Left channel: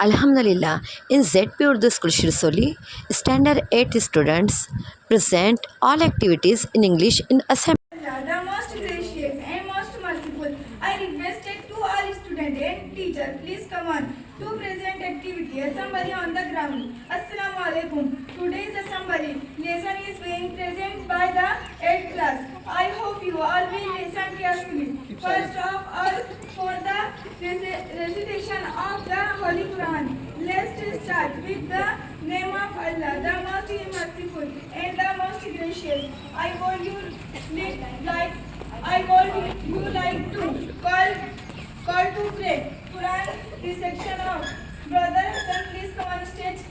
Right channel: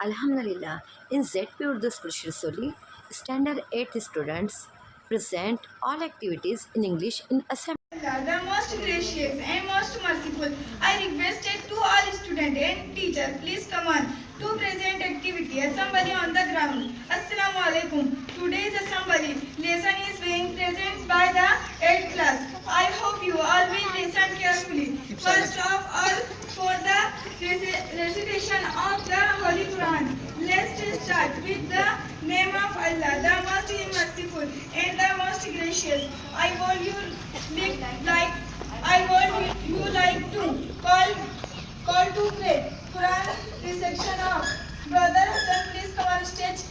Alhamdulillah, in ZP Urdu School Shirsoli, Standard 8 students present all activities in English in assembly. Allah, the most gracious and most merciful, I requested to all students and teachers, please come on to present activity assembly on the ground. Assalamu alaikum. Today's assembly lesson is being present by the 8th class. I hope you all will listen carefully. First of all, for the recitation of the Holy Quran, let's start with the name of Allah, the most merciful and the most gracious. I want you to call to pray Quran recitation of Brother Hassan. Please come on stage.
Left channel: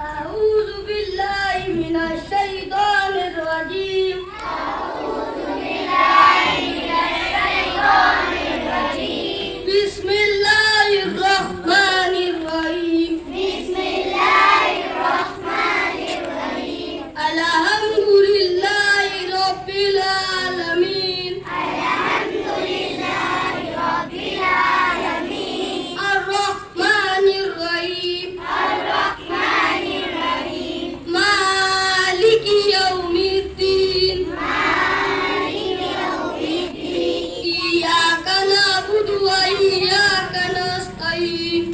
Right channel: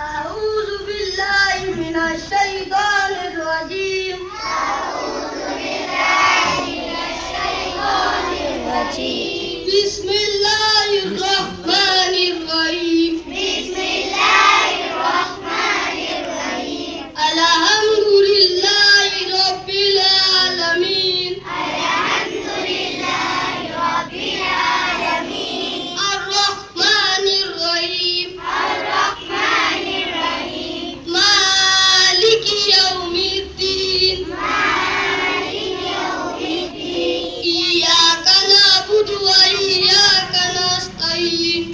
أعوذ بالله من الشيطان الرجيم. بسم الله الرحمن الرحيم. الحمد لله رب العالمين. الرحمن الرحيم. مالك يوم الدين. إياك نعبد وإياك نستعين.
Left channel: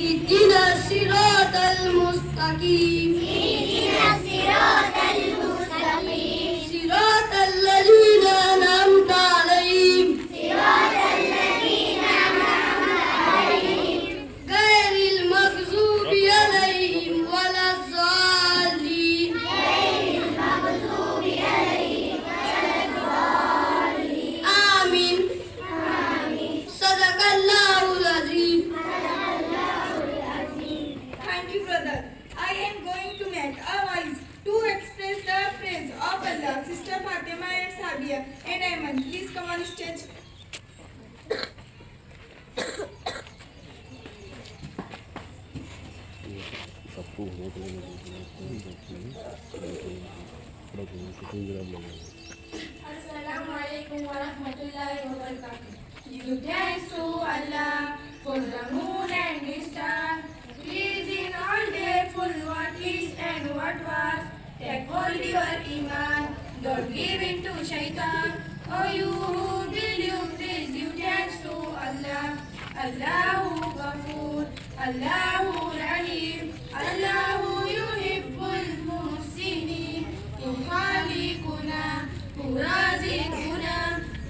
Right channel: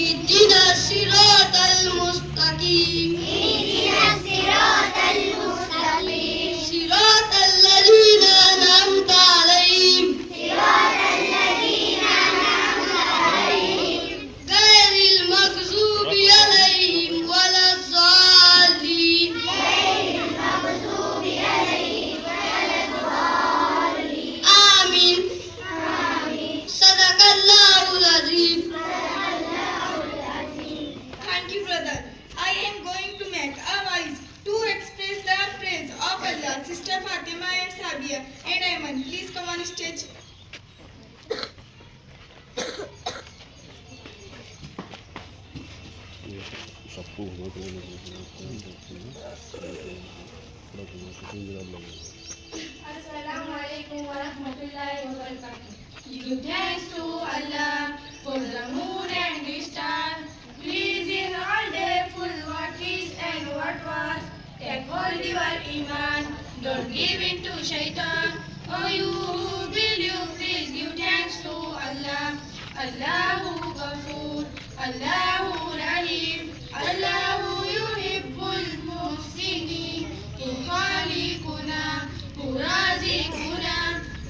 اهدنا الصراط المستقيم. صراط الذين أنعمت عليهم غير المغضوب عليهم ولا الضالين. آمين. صدق الله العظيم. Thank you, brother. I am going to make a voice to express the praise of Allah. Sister Fatima and Sabia and Ayman, please come on stage. Assalamu alaikum wa rahmatullahi wa barakatuh. Give thanks to Allah for the moon and the stars. Please in all day full what is and what was. Take hold your iman, don't give in to shaitan. Oh you who believe, please give thanks to Allah. Allahu Ghafoor, Allahu Rahim, Allahu Yuhibbul Muhsinin. خالقنا رازقنا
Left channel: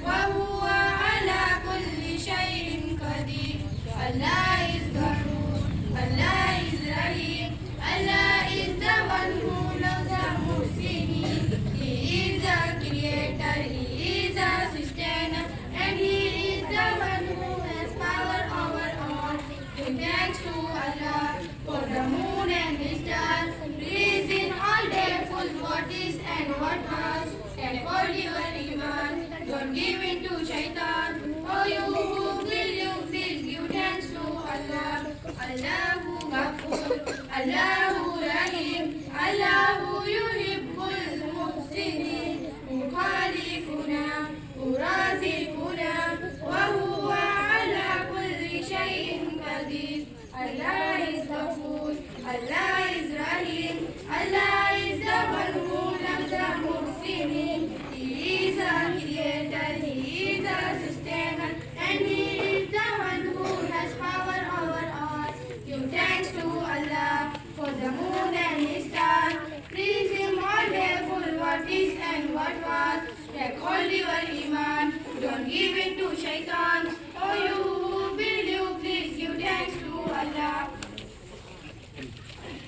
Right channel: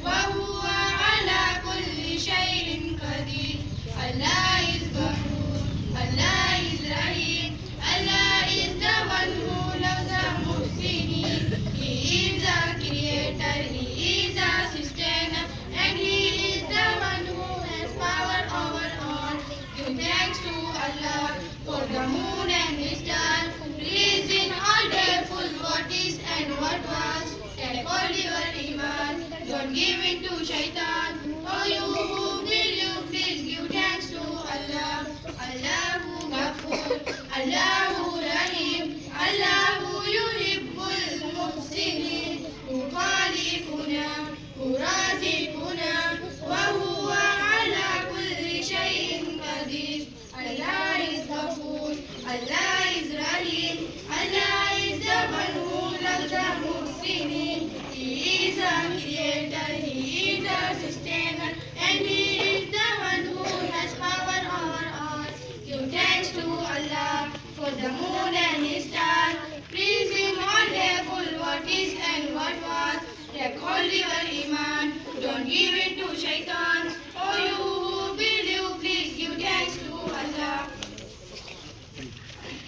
وهو على كل شيء قدير. Allah is Ghafoor, Allah is Rahim, Allah is the one who loves the Muhsinin. He is the creator, He is the sustainer, and He is the one who has power over all. Give thanks to Allah for the moon and the stars. Please in all day full what is and what was. Take all your iman, don't give in to shaitan. Oh you who believe, please give thanks to Allah. Allahu Ghafoor, Allahu Rahim, Allahu Yuhibbul Muhsinin. خالقنا رازقنا وهو على كل شيء قدير. Allah is Ghafoor, Allah is Rahim, Allah is the one who loves the Muhsinin. He is a creator, He is a sustainer, and He is the one who has power over all. Give thanks to Allah for the moon and the stars. Please Him all day full what is and what was. Take hold your iman, don't give in to shaitan. Oh you who believe, please give thanks to Allah.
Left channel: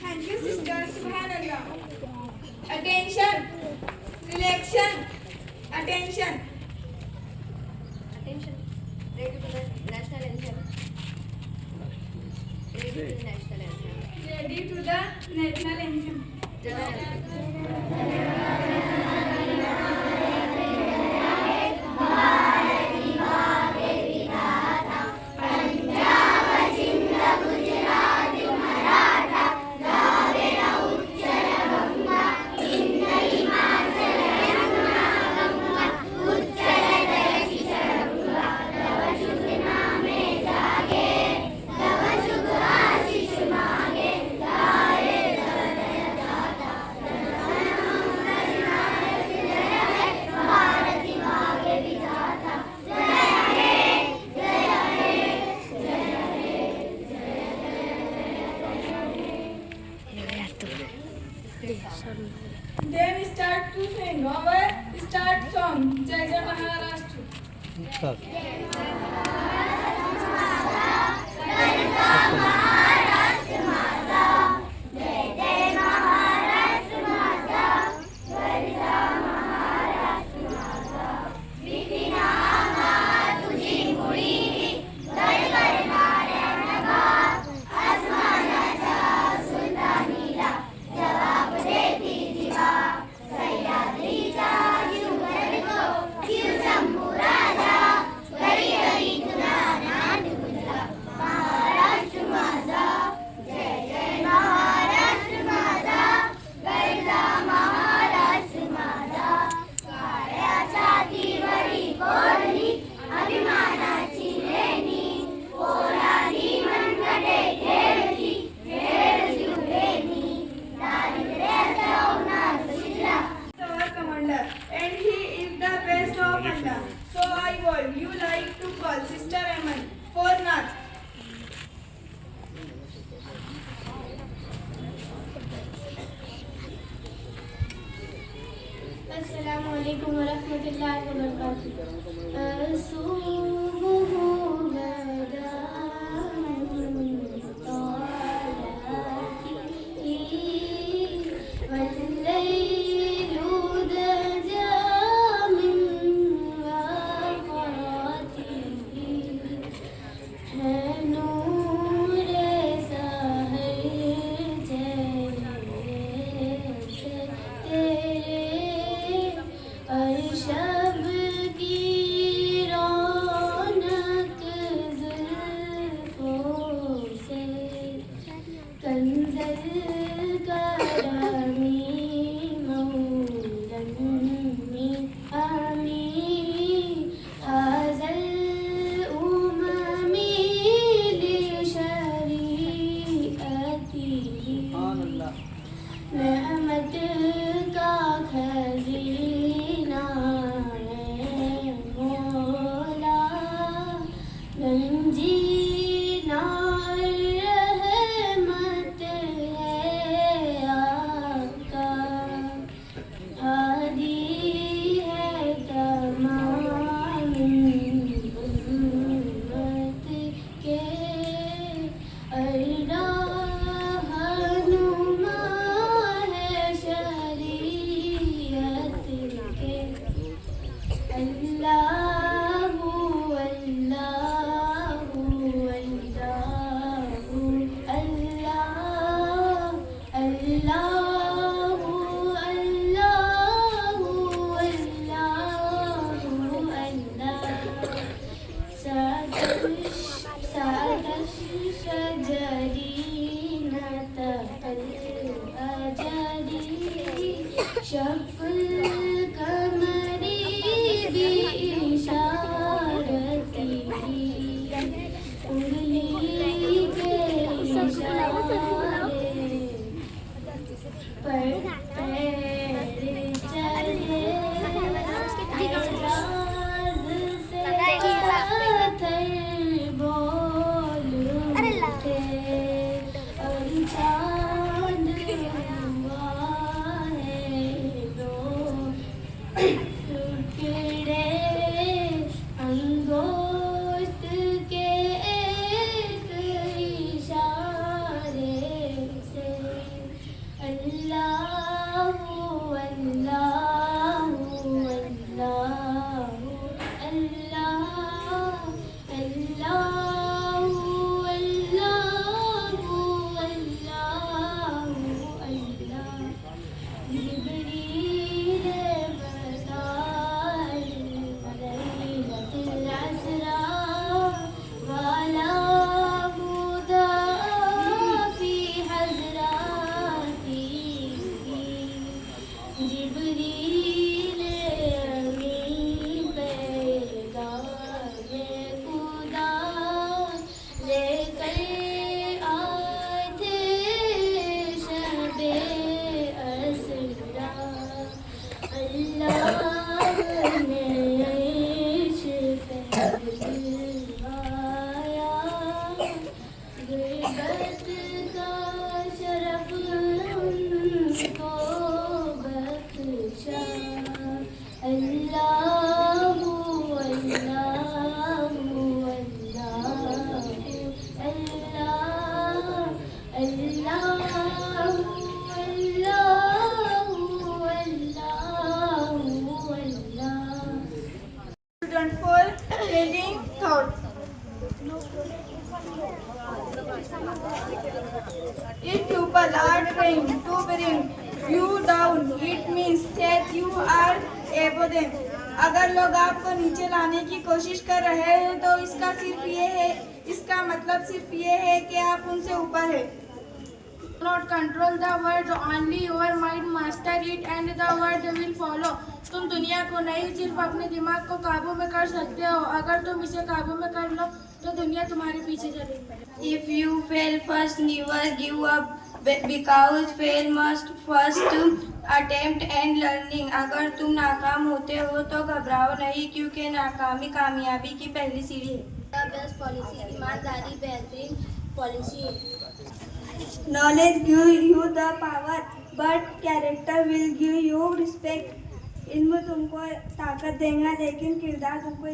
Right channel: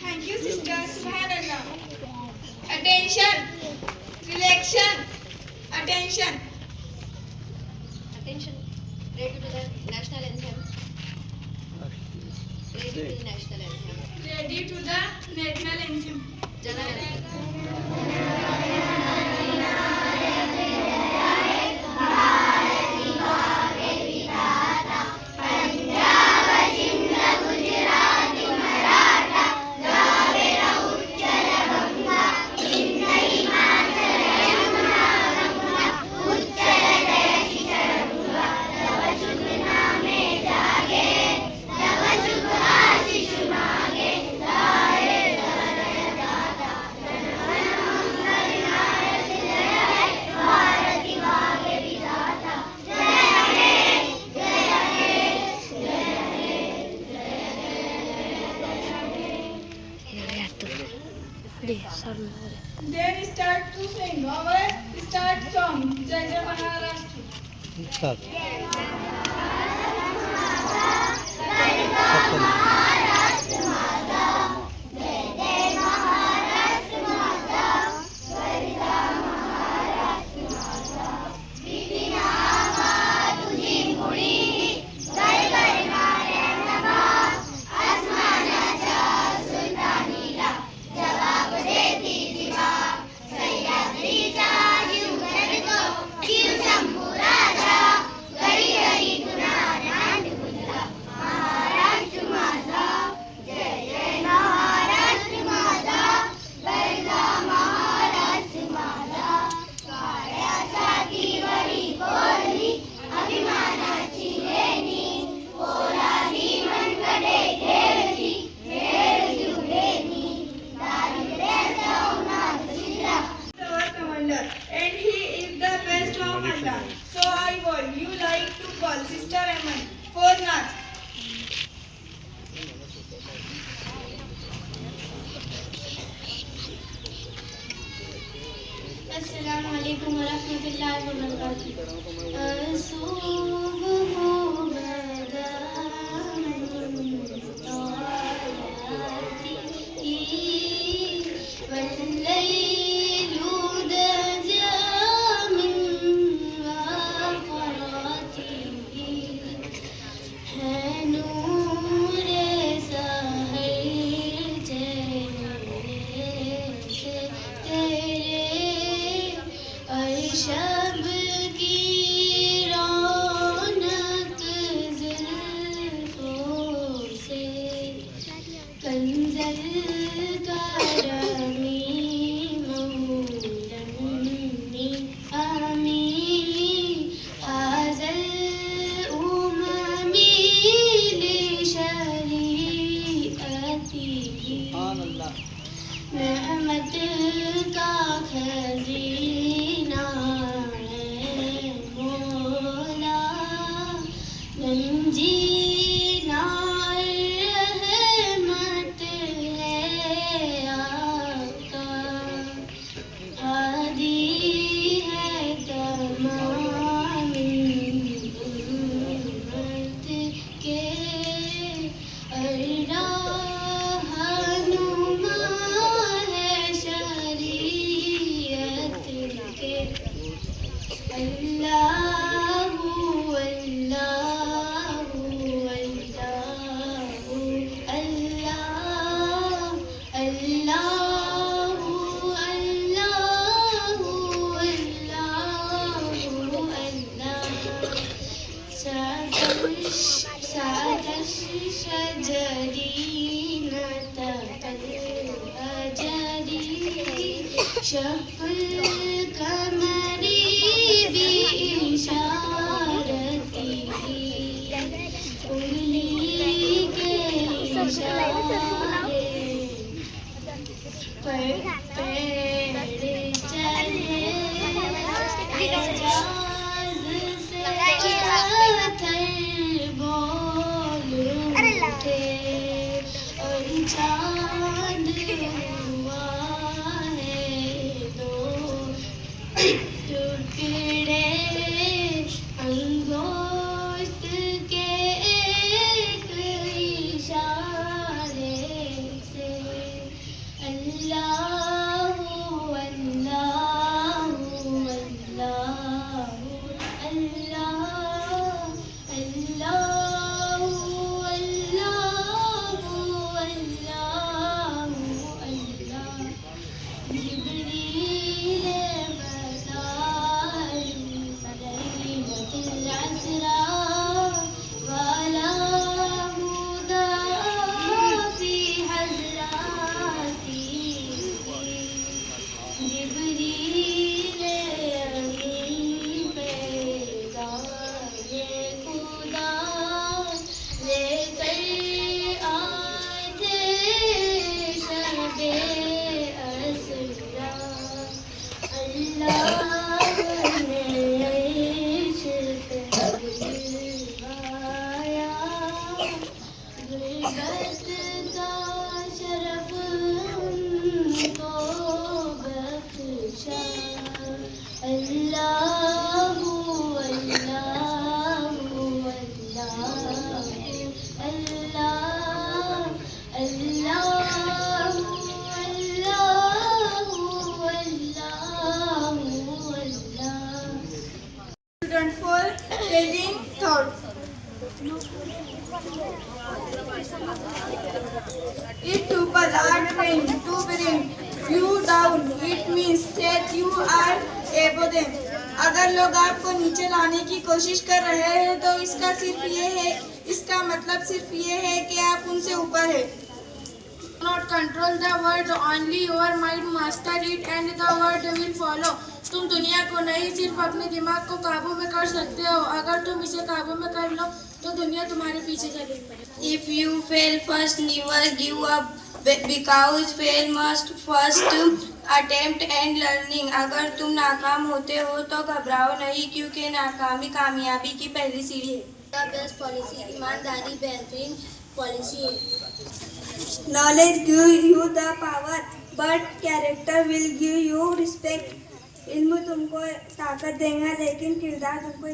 Thank you, sister. Subhanallah. Attention. Relaxation. Attention. Attention, ready to the national anthem. Ready to the national anthem. Ready to the national anthem. Jana Gana. Our commander, and he is the best of Allah. So I would you like to call Sister Ayman for Nath. अस्सलाम वालेकुम वरहमतुल्लाहि वबरकातुहू। शब की रौनक जुल्फों से कंजल करमी मौलमी आमी हाज़ल उममी लिशरीअती रहमत का खजीना है मौला गंजीना रहमत है आका हादी है तमाम उम्मत के रहनुमा है शरीयत के। अल्लाहु अल्लाहु अल्लाहु अल्लाह अल्लाहु अल्लाहु अल्लाहु अल्लाह सादश शजरीन तकल अजरी शकुल कमरी बिइशारती उंगली के इशारे पर पैर चले एजाज से पत्थर बोल उठे और चांद हुआ है दो टुकड़े अंगोस्त के एक इशारे से। अल्लाहु अल्लाहु अल्लाहु अल्लाह अल्लाहु अल्लाहु अल्लाहु अल्लाह जिब्रील बसार लैलतुल अस्रा वाला मुदा फी हज़राती जिब्रील अमीन पैगाम खुदा लेकर आते शब-ए अस्रा। अल्लाह ने अर्श पे बुलवाया गुरबत का शरफ उनको बख्शा। अल्लाहु अल्लाह student for telling thought. If people are trying to bring you down, it means that you are above them. अगर लोग आपको नीचे लाने की कोशिश कर रहे हैं तो इसका मतलब सिर्फ ये है कि आप उनसे ऊपर है. Not control the world, only your mind master it and the world will follow. तुम दुनिया को नहीं सिर्फ अपने दिमाग को काबू में कर सकते हो. अगर तुम इसे काबू में कर लो तो दुनिया तुम्हारे पीछे चलेगी. If you fail first, never give up because fail must first attempt and learning. अगर तुम नाकाम होते हो तो घबराओ नहीं क्योंकि नाकामी कामयाबी की पहली सीढ़ी है. The best policy ईमानदारी बेहतरीन पॉलिसी है. Knowledge gives you the power, but character will give you respect. इल्म तुमको ताकत देगा लेकिन किरदार तुमको